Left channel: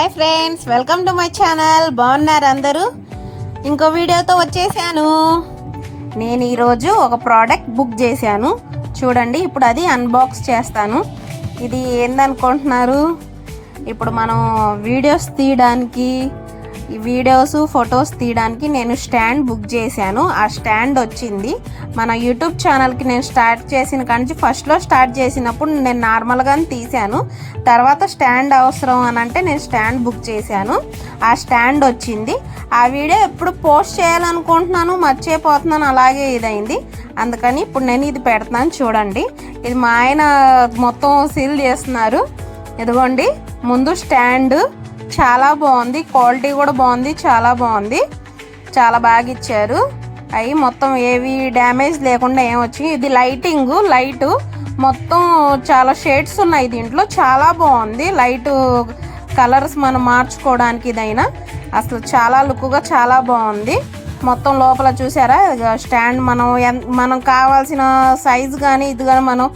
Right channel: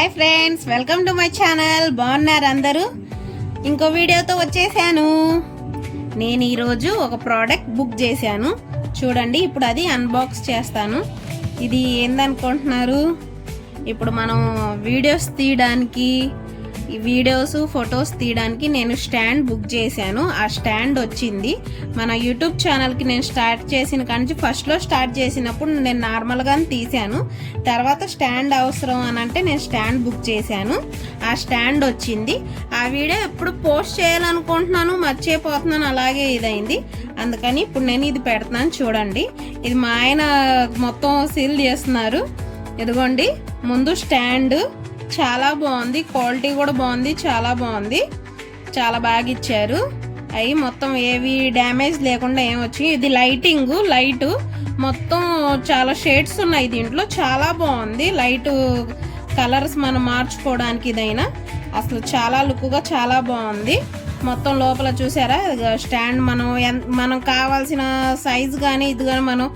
Hi friends, welcome to my channel. బాగున్నారు అందరూ? ఇంకో వీడియోతో వచ్చేసాను. నేను ఈరోజు ఒక ప్రోడక్ట్ బుక్ చేశాను. చూడండి, ఇప్పుడు అది అన్బాక్స్ చేస్తాను. ఇది ఏందనుకుంటున్నారు? ఇప్పుడు మనం వీడియోస్ తీయడానికి, ఈ వీడియోస్ ఫొటోస్ తీయడానికి నేను స్టాండ్ బుక్ చేశాను. ఆ స్టాండ్ వచ్చింది. మన యూట్యూబ్ ఛానల్కి నేను స్టార్ట్ చేసిన కానీ ఫస్ట్లో స్టార్ట్ చేసినప్పుడు నేను నార్మల్గానే తీశాను. తర్వాత స్టాండ్ అవసరం అని అంటే నేను స్టాండ్ బుక్ చేశాను. ఆ స్టాండ్ వచ్చింది. ఆ వీడియో ఎప్పుడు పోస్ట్ చేయాలనుకుంటున్నాను, మర్చిపోతున్నాను, అలాగే ఇదైంది. అందుకని ఇప్పుడు నేను ఇది పెడతాను. చూడండి, ఇది మా ఆయన మొత్తం సీల్ చేస్తున్నారు. ఇదిగోండి, ముందు స్టాండ్ చాలా బాగుంది, క్వాలిటీ కూడా బాగుంది, చాలా బాగుంది, చాలా బాగా ఇచ్చారు. అవి మొత్తం ఏవి డ్యామేజ్ లేకుండా ఏమొచ్చి, ఇది లైట్ మొత్తం చాలా షేడ్స్ ఉన్నాయి దీంట్లో. చాలా బాగుంది. లైట్ కలర్స్ మనం మార్చుకోవడానికి ఇదైనా అసలు చాలా లుక్గా చాలా బాగుంది. మొత్తం లోపల చూసారా స్టాండ్, మనం కావాల్సిన సైజు కానీ ఇది కానీ మనం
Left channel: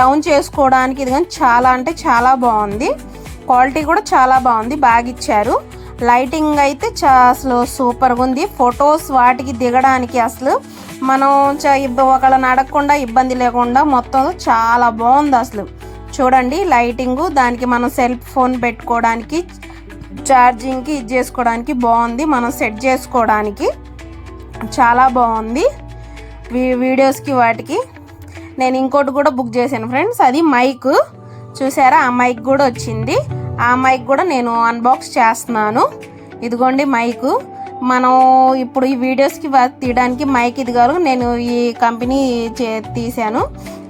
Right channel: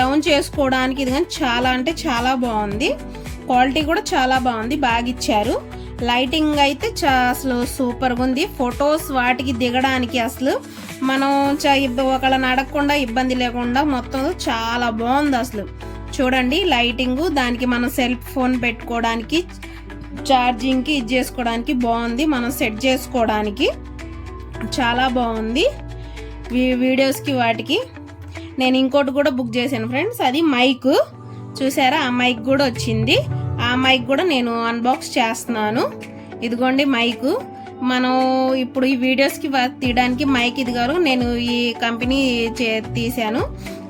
డౌన్ చేసుకోవడానికి ఇది కానీ చాలా అంటే చాలా బాగుంది. క్వాలిటీ కూడా చాలా బాగుంది, బాగా ఇచ్చారు. లైటింగ్ అయితే అసలు సూపర్గా ఉంది. ఫొటోస్ వాటికి దిగడానికి అసలు మనం ఒకళ్ళని అడగకుండా ఇబ్బంది లేకుండా మొత్తం చాలా బాగుంది అసలు. చూడండి, లైటింగు, దానికి మనం సెల్ ఫోన్ పెట్టుకోవడానికి, ఛార్జింగ్కి ఇది చేసుకోవడానికి బాగుంది. మనం సెట్ చేసుకోవడానికి చాలా బాగుంది. వీడియోస్కి వాటికి నేను ఇంకోటి కూడా బుక్ చేశాను ఫ్రెండ్స్. అది మైక్. చూసారా, ఆ మైక్ కూడా వచ్చింది. ఆ మైక్ కూడా నేను అన్బాక్స్ చేస్తున్నాను. ఇదిగోండి మైక్. మనం ఇప్పుడు ఈ వీడియోస్కి తీయడానికి మైక్ ఇది కాదు, నేను ఈ కంపెనీ తీసాను.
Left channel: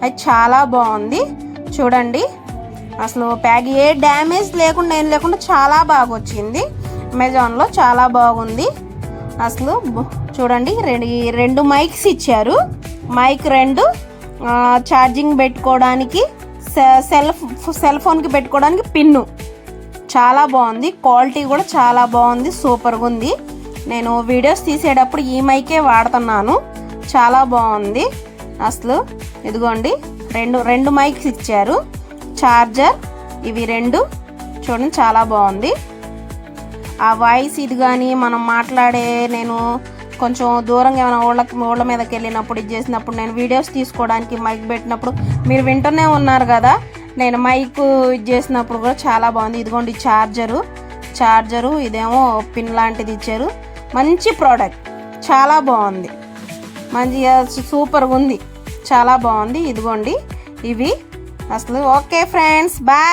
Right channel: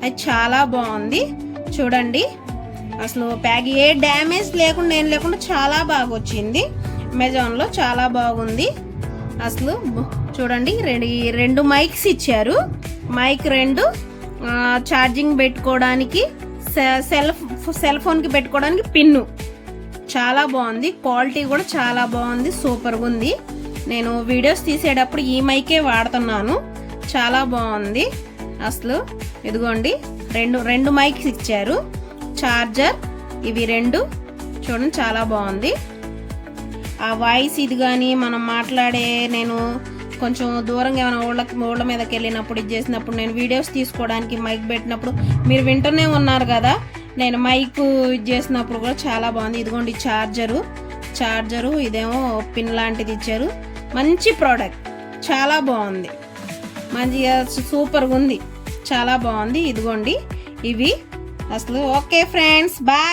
అది చాలా బాగుంది. చూడండి, అసలు ప్యాక్ ఏ డ్యామేజ్ లేకుండా ఏం లేకుండా చాలా బాగా వచ్చింది. అమెజాన్లో చాలా బాగుంది అసలు. చూడండి, రెండు మైక్స్ ఇచ్చారు. మైక్ రెండు, ఛార్జింగ్ పెట్టుకోవడానికి, సెల్ ఫోన్కి పెట్టుకోవడానికి పిన్ను. చాలా బాగుంది. క్వాలిటీ కూడా చాలా బాగుంది, సూపర్గా ఉంది. నేను వీడియోస్ తీసేటప్పుడు ఈ మైకే వాడుతున్నాను. చాలా బాగుంది అసలు. ఇదిగోండి, రెండు మైక్స్ ఇచ్చారు, చార్జర్, ఇవి రెండు. చూడండి, చాలా బాగుంది. ఆ వాయిస్ ఇది కానీ మనం మాట్లాడే, నేను కొంచెం దూరంగా ఏమైనా ఊళ్ళ మీదకి వెళ్ళినప్పుడు ఇది చేసినప్పుడు, నేను వీడియోస్ తీసుకోవడానికి మైక్ పెట్టినప్పుడు మీరు వింటూనే ఉన్నారు కదా, నేను మైక్ ఇది చేసినప్పుడు కూడా చాలా బాగుంది. ఇదిగోండి చార్జరు, ఇదేమో పిన్ లాంటిది ఇచ్చారు. మంచి ప్రోడక్ట్, చాలా బాగుంది, మంచిగా సూపర్గా ఉంది, చాలా బాగుంది. ఇదిగోండి ఇవి అసలు. Okay friends, bye.